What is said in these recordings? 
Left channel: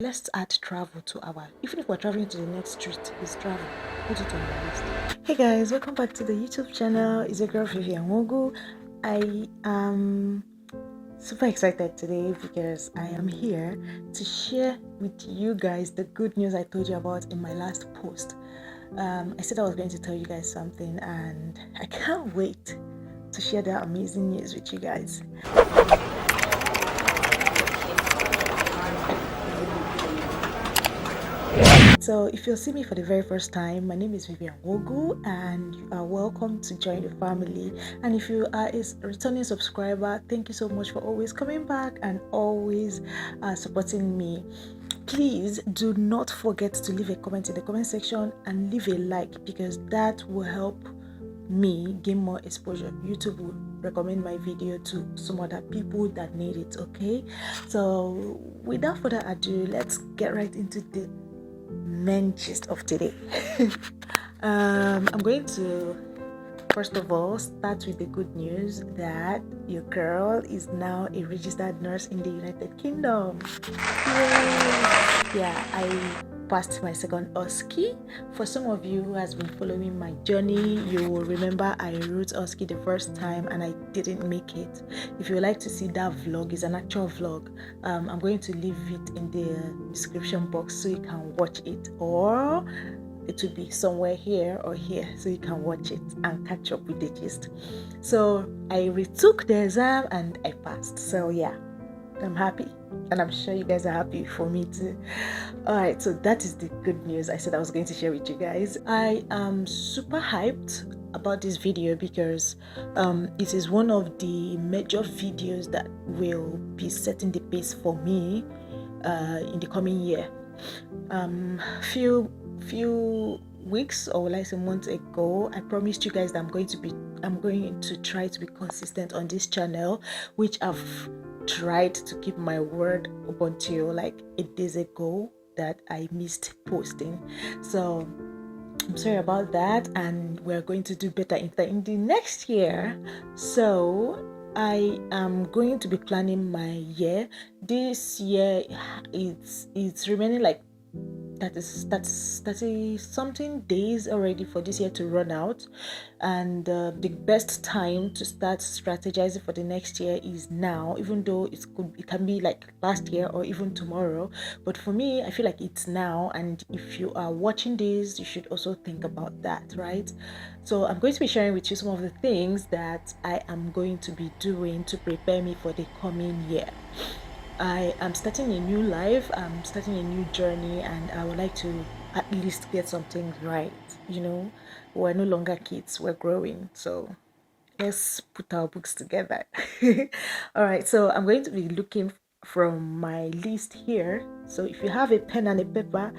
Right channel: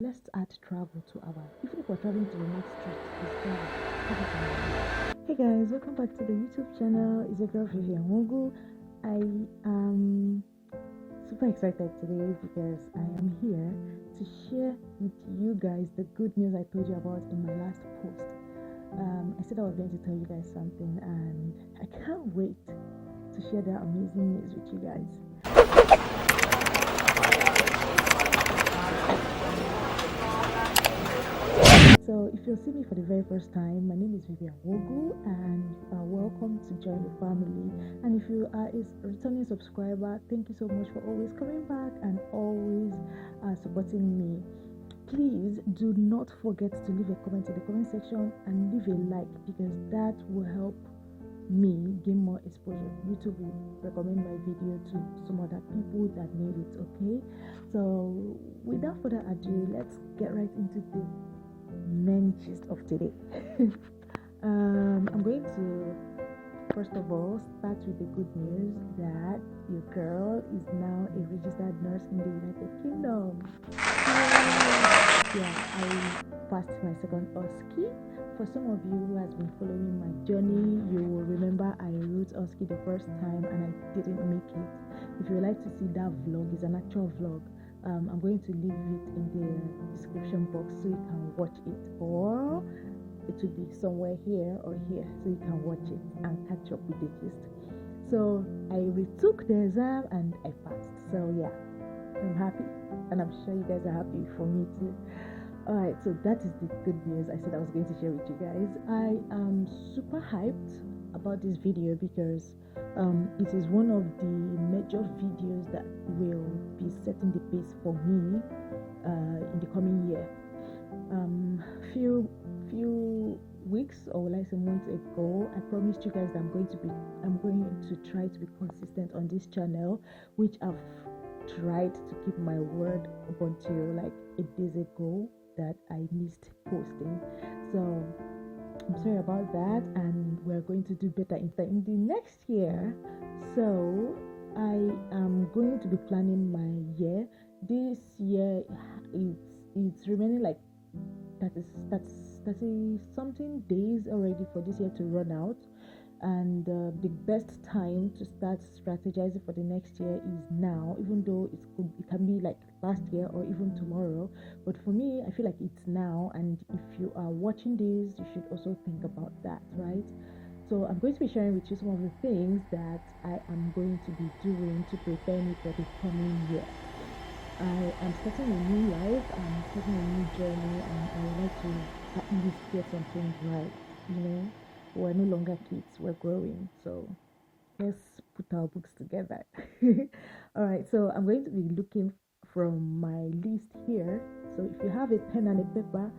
Let's add travel to our, even if we're traveling to the next street, it's travel. Put it on your list. Hey guys, welcome back to the YouTube channel. It's your girl Vivian Wogu. I am super excited today because I am here to share with you guys the good news I told you about in my last post. I said I was going to tell you guys something, and I can't wait to share that amazing news with you guys. So if you'll see me for the very first time, my name is Vivian Wogu and you are welcome to join the family. And if you are a returning subscriber, thank you so much for always coming back and always supporting me. Please do not forget to leave a comment in the comment section and leave a like, because that will help me gain more exposure. YouTube will recommend my video to some other people that need it. Okay, so without further ado, let's get right into the main gist of today. I'm going to first of all start with the good news that your girl is now a registered nurse in the United Kingdom. Yeah, I passed my second OSCE. For some of you who has been following my journey, you will remember I wrote OSCE the first time and I didn't make it. If you would like to see that vlog, it's an actual vlog. I'm going to leave it in the description box so you can watch it, or it will be somewhere here or here so you can watch it and catch up with the gist. So I retook the exam and I passed. So yeah, I'm happy, and I'm sure you guys are happy for me too. Alright, so that is the good news I said I was going to share with you guys. I am super hyped about this video because it is one of the major videos that will be setting the pace for me in the coming year. Few weeks, or will I say months ago, I promised you guys that I'm going to try to be consistent on this channel, which I've tried to keep my word up until like 8 days ago that I missed posting. So I'm sorry about that, and we're going to do better in the next year. So I am going to be planning my year. This year it's remaining like that's 30 something days already for this year to run out, and the best time to start strategizing for the next year is now, even though it can be like last year or even tomorrow, but for me I feel like it's now. And if you are watching this, you should also think about that, right? So I'm going to be sharing with you some of the things that I am going to be doing to prepare me for the coming year. I am starting a new life, I'm starting a new journey, and I would like to at least get something right. We're no longer kids, we're growing. So let's put our books together. All right, so I'm going to be looking from my list here. So if you have a pen and a paper,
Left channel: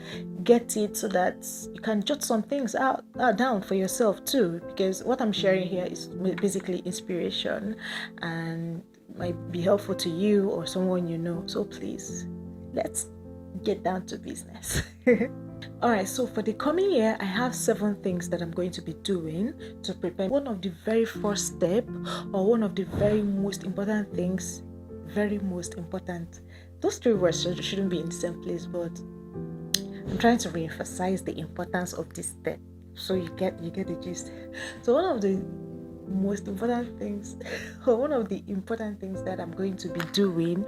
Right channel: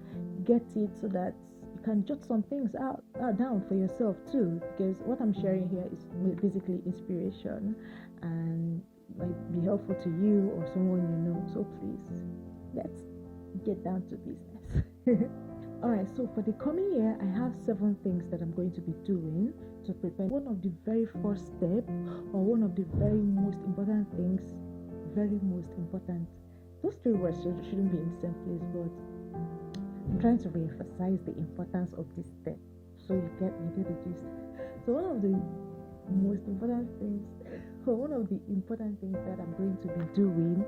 get it so that you can jot some things out down for yourself too, because what I'm sharing here is basically inspiration and might be helpful to you or someone you know. So please, let's get down to business. All right, so for the coming year, I have 7 things that I'm going to be doing to prepare. One of the very first step, or one of the very most important things, very most important. Those 3 words shouldn't be in the same place, but I'm trying to re-emphasize the importance of this step so you get the gist. So one of the most important things, or one of the important things that I'm going to be doing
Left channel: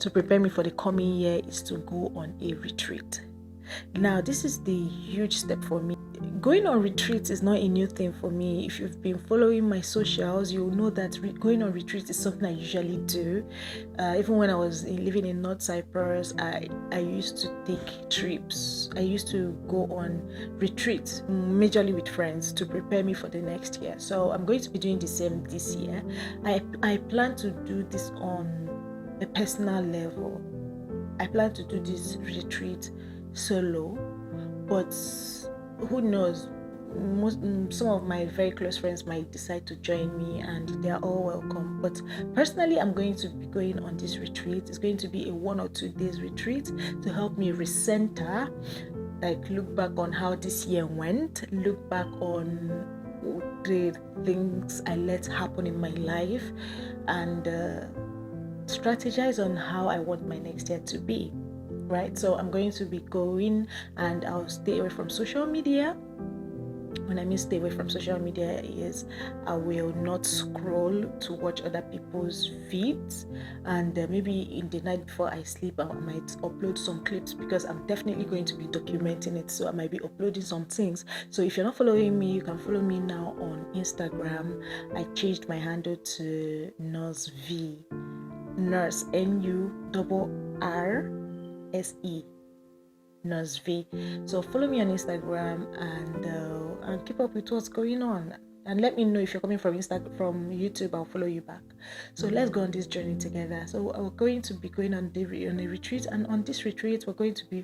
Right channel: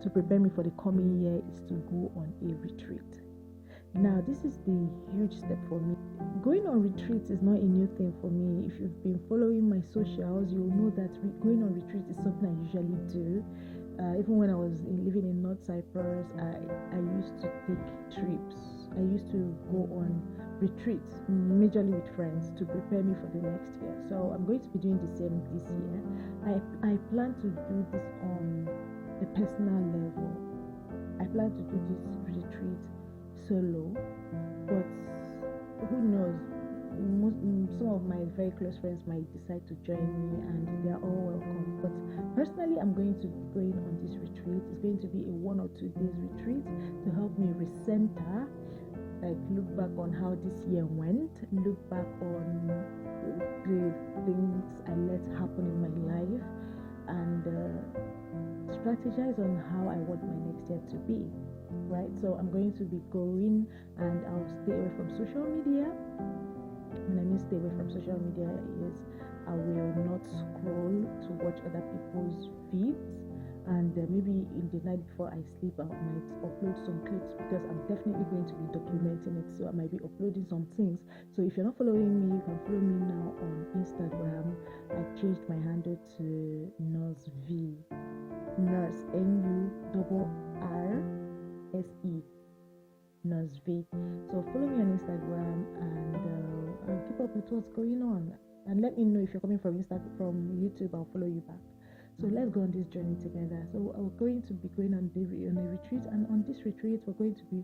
to prepare me for the coming year is to go on a retreat. Now, this is the huge step for me. Going on retreats is not a new thing for me. If you've been following my socials, you'll know that going on retreats is something I usually do. Even when I was living in North Cyprus, I used to take trips. I used to go on retreats, majorly with friends, to prepare me for the next year. So I'm going to be doing the same this year. I plan to do this on a personal level. I plan to do this retreat solo, but who knows, some of my very close friends might decide to join me, and they are all welcome. But personally, I'm going to be going on this retreat. It's going to be a 1 or 2 days retreat to help me recenter, like look back on how this year went, look back on the things I let happen in my life, and strategize on how I want my next year to be. right? So I'm going to be going, and I'll stay away from social media. When I mean stay away from social media is I will not scroll to watch other people's feeds, and maybe in the night before I sleep I might upload some clips, because I'm definitely going to be documenting it, so I might be uploading some things. So if you're not following me, you can follow me now on Instagram. I changed my handle to Nurse V, Nurse NURRSE, Nurse V. So follow me on Instagram and keep up with what's going on. And let me know if you're coming from YouTube. I'll follow you back. So let's go on this journey together. So we're going to be going on a retreat, and on this retreat we're going to be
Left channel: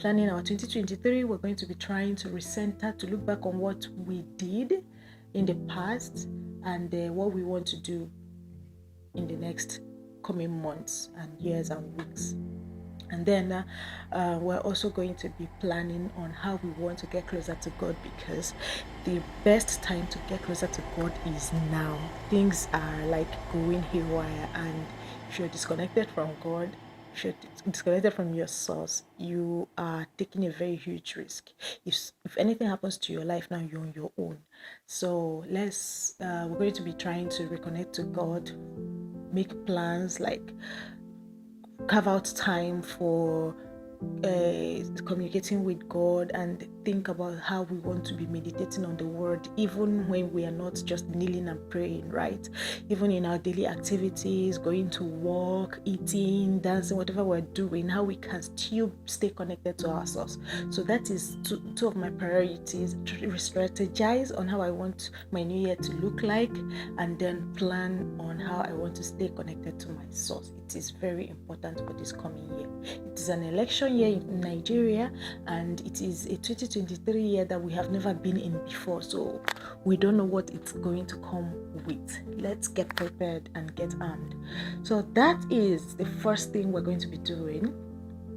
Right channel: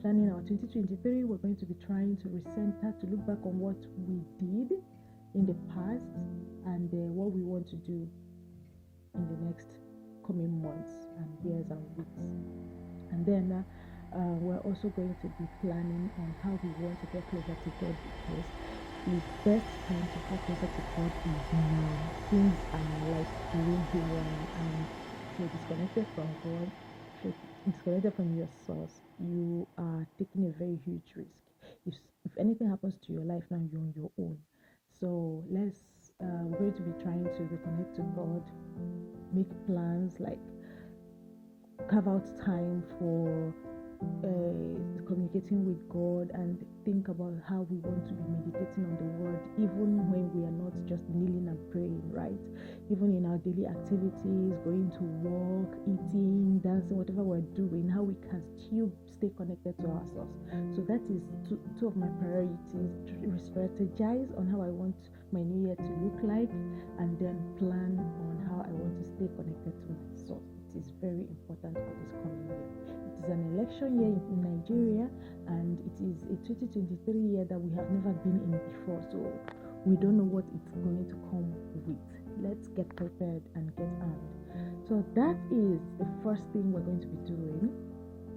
planning our 2023. We're going to be trying to recenter, to look back on what we did in the past, and what we want to do in the next coming months and years and weeks. And then we're also going to be planning on how we want to get closer to God, because the best time to get closer to God is now. Things are like going haywire, and if you're disconnected from God, if you're disconnected from your source, you are taking a very huge risk. If anything happens to your life now, you're on your own. So we're going to be trying to reconnect to God, make plans, like carve out time for communicating with God, and think about how we want to be meditating on the word, even when we are not just kneeling and praying, right? Even in our daily activities, going to work, eating, dancing, whatever we're doing, how we can still stay connected to our source. So that is two of my priorities: strategize on how I want my new year to look like, and then plan on how I want to stay connected to my source. It is very important for this coming year. It is an election year in Nigeria, and it is a 2023 year that we have never been in before, so we don't know what it's going to come with. Let's get prepared and get armed. So that is the first thing we're going to be doing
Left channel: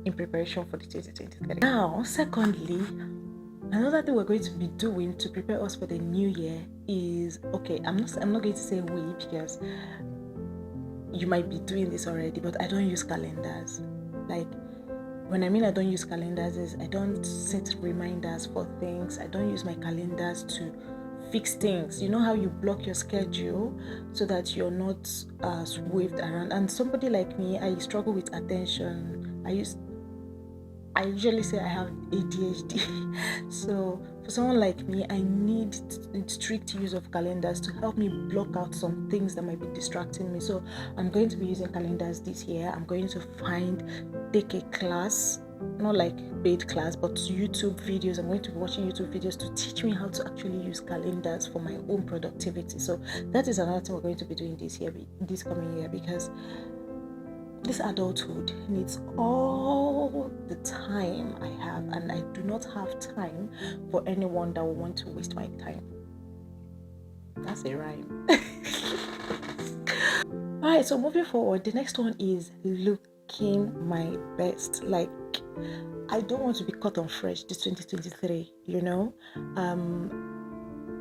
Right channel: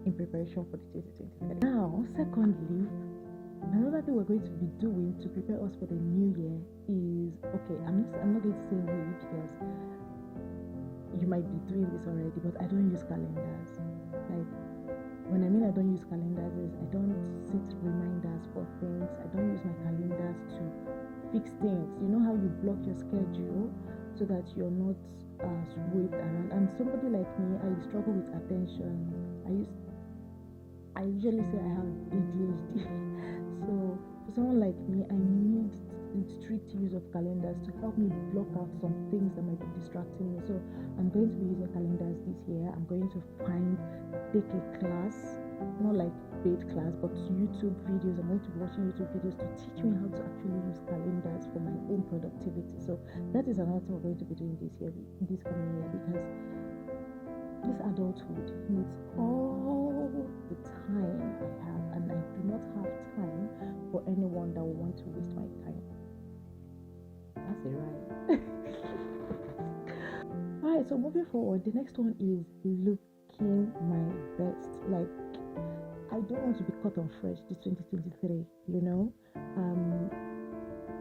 in preparation for the 2023. Now, secondly, another thing we're going to be doing to prepare us for the new year is, okay, I'm not going to say we, because you might be doing this already, but I don't use calendars. Like, when I mean I don't use calendars is I don't set reminders for things. I don't use my calendars to fix things. You know how you block your schedule so that you're not waved around. And somebody like me, I struggle with attention. I usually say I have ADHD. So for someone like me, I need strict use of calendars to help me block out some things that might be distracting me. So I'm going to be using calendars this year. I'm going to take a class, not like paid class, but YouTube videos. I'm going to be watching YouTube videos to teach me how to actually use calendars for my own productivity. So that is another thing we're going to be doing this coming year, because this adulthood needs all the time I have, and I do not have time for anyone that will want to waste my time. That's a rhyme. Alright, so moving forward, the next one is looking my best. Like, I don't want to be caught on fresh this 2023, you know?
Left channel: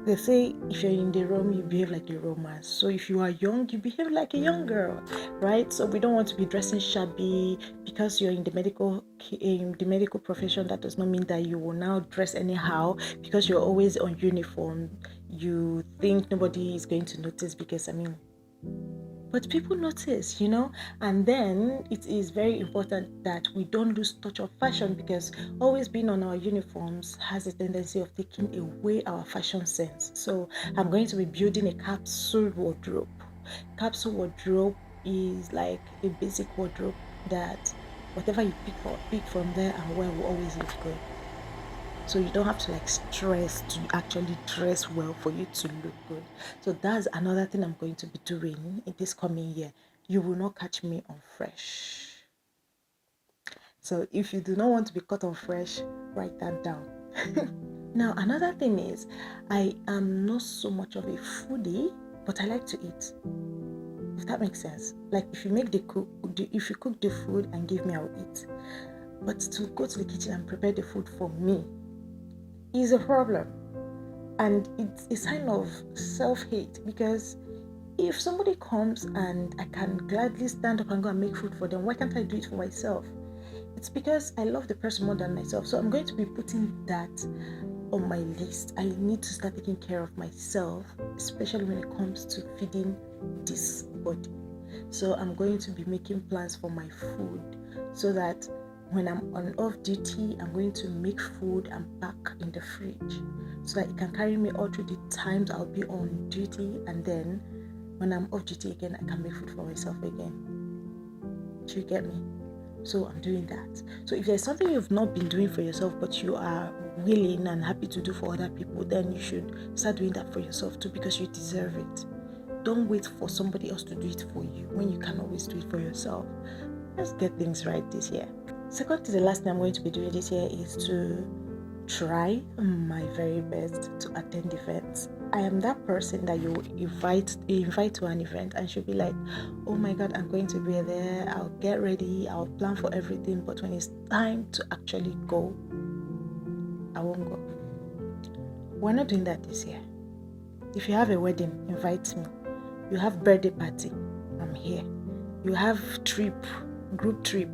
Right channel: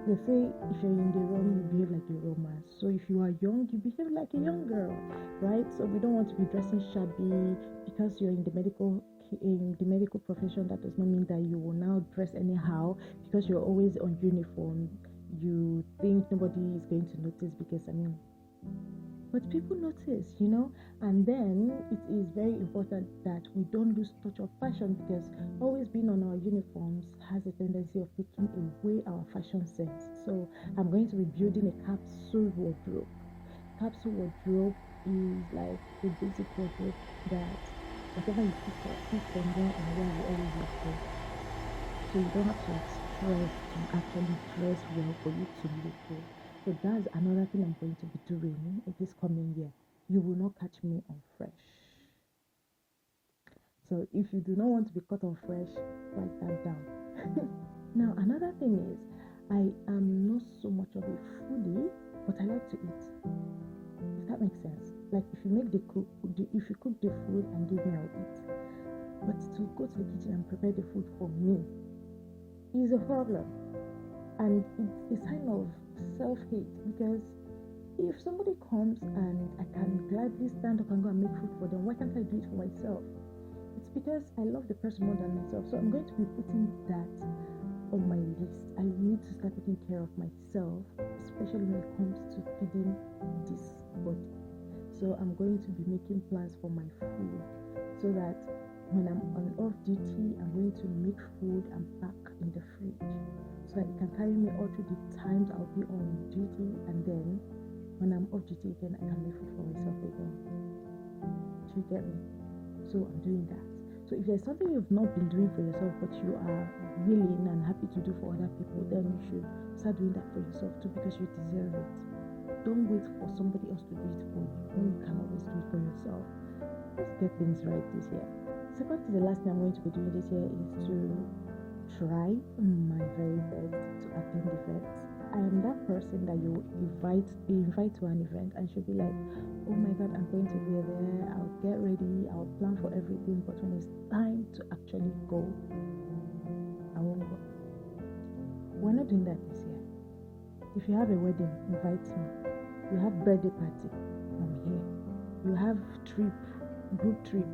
They say if you're in the Rome, you behave like a romance. So if you are young, you behave like a young girl, right? So we don't want to be dressing shabby because you're in the medical profession. That does not mean that you will now dress anyhow because you're always on uniform. You think nobody is going to notice because, but people notice, you know. And then it is very important that we don't lose touch of fashion, because always being on our uniforms has a tendency of taking away our fashion sense. So I'm going to be building a capsule wardrobe. Capsule wardrobe is like a basic wardrobe that whatever you pick from there and wear will always look good. So you don't have to stress to actually dress well for you to look good. So that's another thing I'm going to be doing in this coming year. You will not catch me on fresh. So if you do not want to be caught on fresh, write that down. Now, another thing is, I am not so much of a foodie, but I like to eat. If that makes sense. Like, if you cook the food and give me, I'll eat. But to go to the kitchen and prepare the food for me is a problem, and it's a sign of self-hate, because if somebody comes and I can gladly stand up and go and make food for them, why can't I do it for myself? It's because I love the person more than myself. So I'm going to be putting that on my list. I need to start taking care of myself, especially when it comes to feeding this body. So I'm going to be making plans for my food so that when I'm on off duty, I'm going to make food and pack in the fridge so that it can carry me all through the times I'll be on duty, and then when I'm off duty again, I can make food for myself again. Do you get me? So I'm doing that. So if there's something you've not been doing for yourself but you are willing and happy to do for other people, then you should start doing that for yourself too, because you deserve it. Don't wait for somebody else to do it for you when you can always do it for yourself. Let's get things right this year. Second to the last thing I'm going to be doing this year is to try my very best to attend events. I am that person that you invite to an event and she'll be like, oh my god, I'm going to be there, I'll get ready, I'll plan for everything, but when it's time to actually go, I won't go. We're not doing that this year. If you have a wedding, invite me. You have birthday party, I'm here. You have group trip,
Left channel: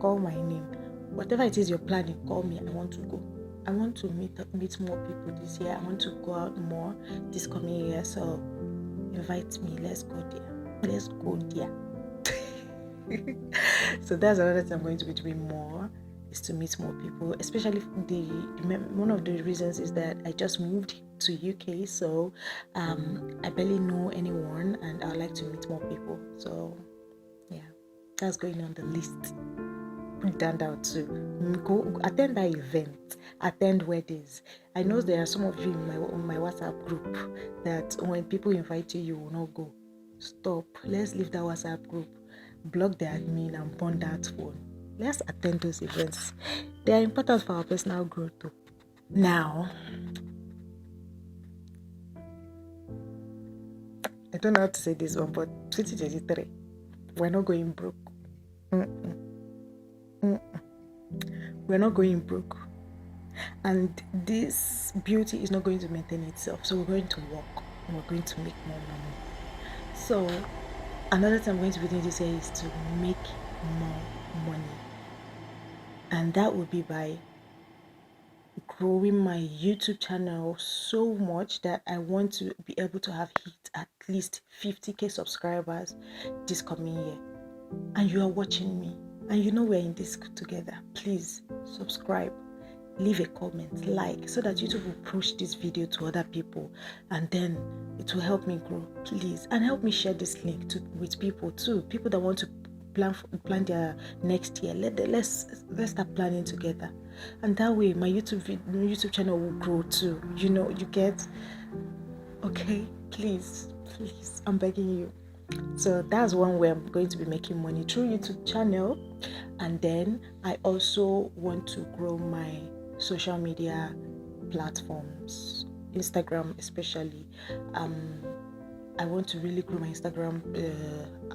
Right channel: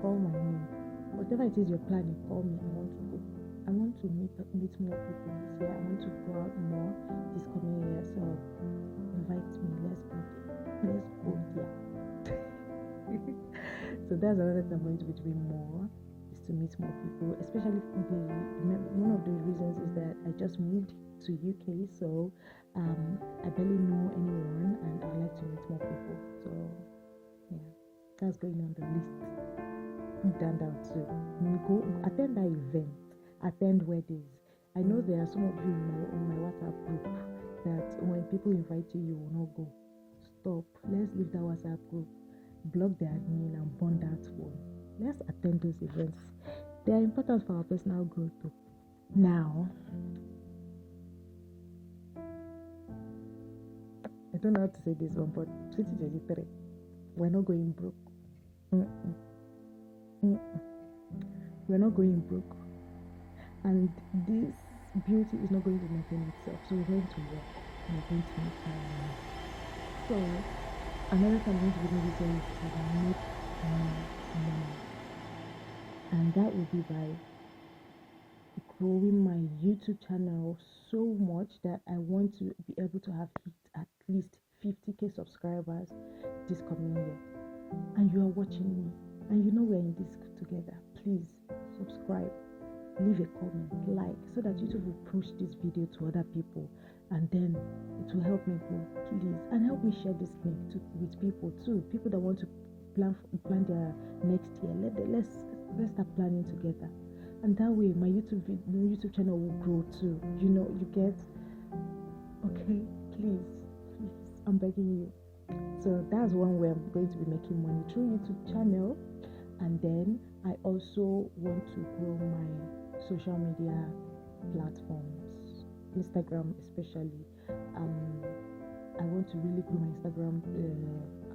call my name. Whatever it is you're planning, call me. I want to go. I want to meet more people this year. I want to go out more this coming year. So invite me. Let's go there. So that's another thing I'm going to be doing more, is to meet more people. Especially one of the reasons is that I just moved to UK, so I barely know anyone, and I'd like to meet more people. So yeah, that's going on the list. Put that down too. Go attend that event, attend weddings. I know there are some of you in my WhatsApp group that when people invite you, you will not go. Stop. Let's leave that WhatsApp group, block the admin, and burn that phone. Let's attend those events. They are important for our personal growth too. Now, I don't know how to say this one, but 2023, we're not going broke. We're not going broke. And this beauty is not going to maintain itself. So we're going to work and we're going to make more money. So another thing I'm going to be doing this year is to make more money. And that will be by growing my YouTube channel so much that I want to be able to have hit at least 50k subscribers this coming year. And you are watching me and you know we're in this together. Please subscribe, leave a comment, like, so that YouTube will push this video to other people, and then it will help me grow. Please, and help me share this link with people too, people that want to plan their next year. Let's start planning together, and that way my YouTube channel will grow too. You get. Okay, please, I'm begging you. So that's one way I'm going to be making money, through YouTube channel. And then I also want to grow my social media platforms, Instagram especially. I want to really grow my Instagram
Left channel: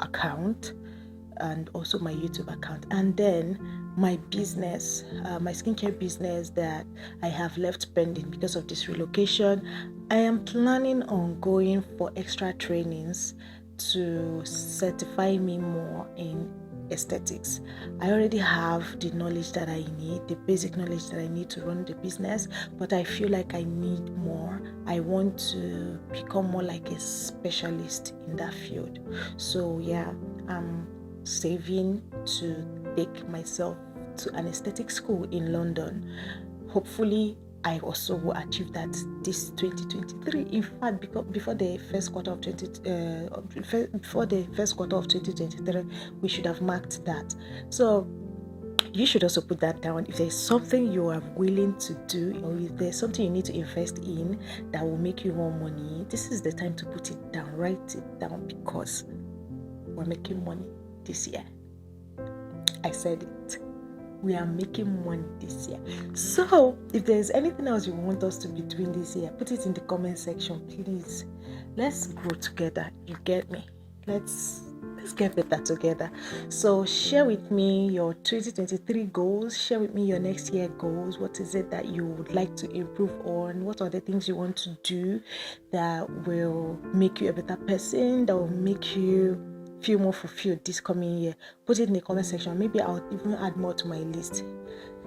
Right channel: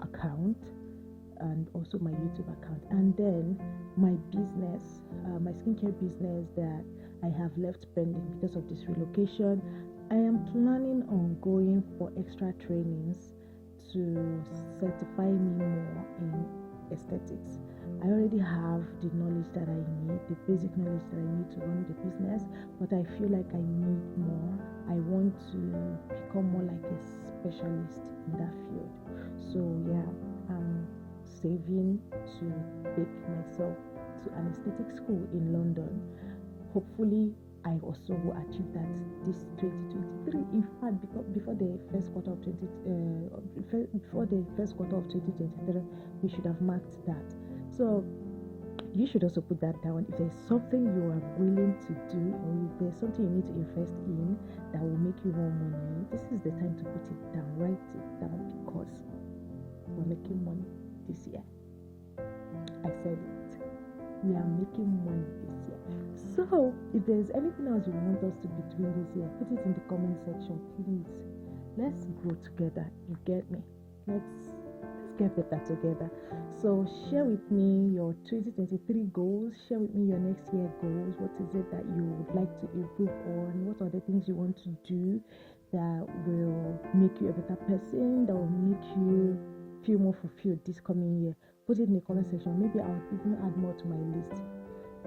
account, and also my YouTube account, and then my business, my skincare business that I have left pending because of this relocation. I am planning on going for extra trainings to certify me more in aesthetics. I already have the knowledge that I need, the basic knowledge that I need to run the business, but I feel like I need more. I want to become more like a specialist in that field. So yeah, I'm saving to take myself to an aesthetic school in London. Hopefully I also will achieve that this 2023. In fact, because before the first quarter of 2023, we should have marked that. So you should also put that down. If there's something you are willing to do, or if there's something you need to invest in that will make you more money, this is the time to put it down. Write it down, because we're making money this year. I said it. We are making money this year. So if there's anything else you want us to be doing this year, put it in the comment section, please. Let's grow together. You get me? Let's get better together. So share with me your 2023 goals. Share with me your next year goals. What is it that you would like to improve on? What are the things you want to do that will make you a better person, that will make you feel more fulfilled this coming year, put it in the comment section. Maybe I'll even add more to my list,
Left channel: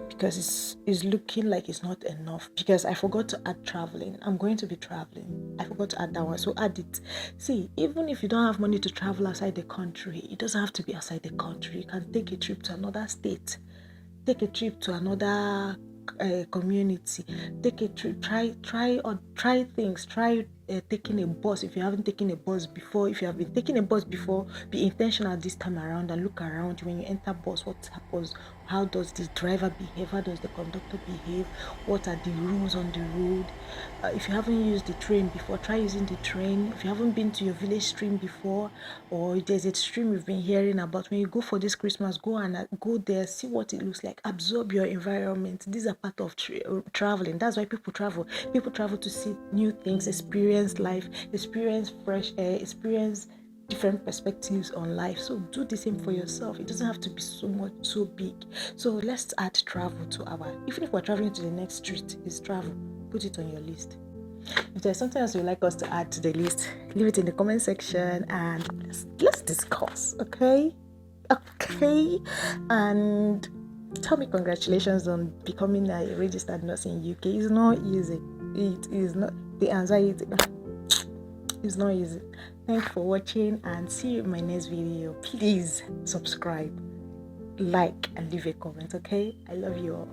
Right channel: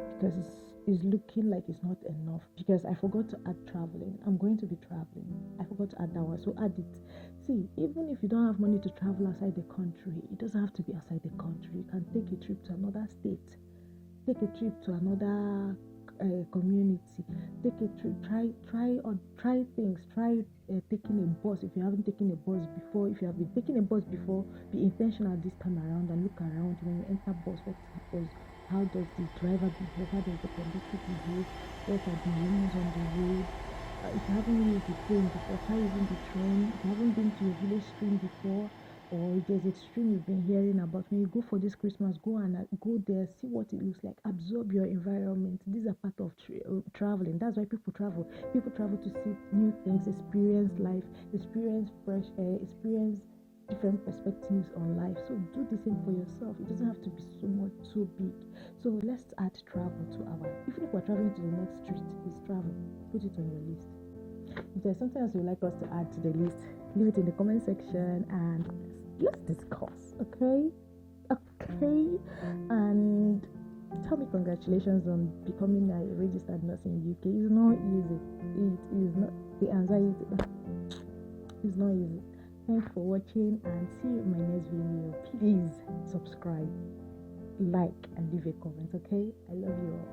because it's looking like it's not enough, because I forgot to add traveling. I'm going to be traveling. I forgot to add that one, so add it. See, even if you don't have money to travel outside the country, it doesn't have to be outside the country. You can take a trip to another state, take a trip to another community, take a trip, try things, try taking a bus. If you haven't taken a bus before, if you have been taking a bus before, be intentional this time around and look around. When you enter bus, what happens? How does the driver behave? How does the conductor behave? What are the rules on the road? If you haven't used the train before, try using the train. If you haven't been to your village stream before, or if there's a stream you've been hearing about, when you go for this Christmas, go there, see what it looks like, absorb your environment. These are part of traveling. That's why people travel. People travel to see new things, experience life, experience fresh air, experience different perspectives on life. So do the same for yourself. It doesn't have to be so big. So let's add travel to our, even if we're traveling to the next street, is travel. Put it on your list. If there's something else you'd like us to add to the list, leave it in the comment section and let's discuss. Okay, and tell me congratulations on becoming a registered nurse in UK. It's not easy. It is not. The anxiety is not easy. Thanks for watching and see you in my next video. Please subscribe, like, and leave a comment. Okay, I love you all.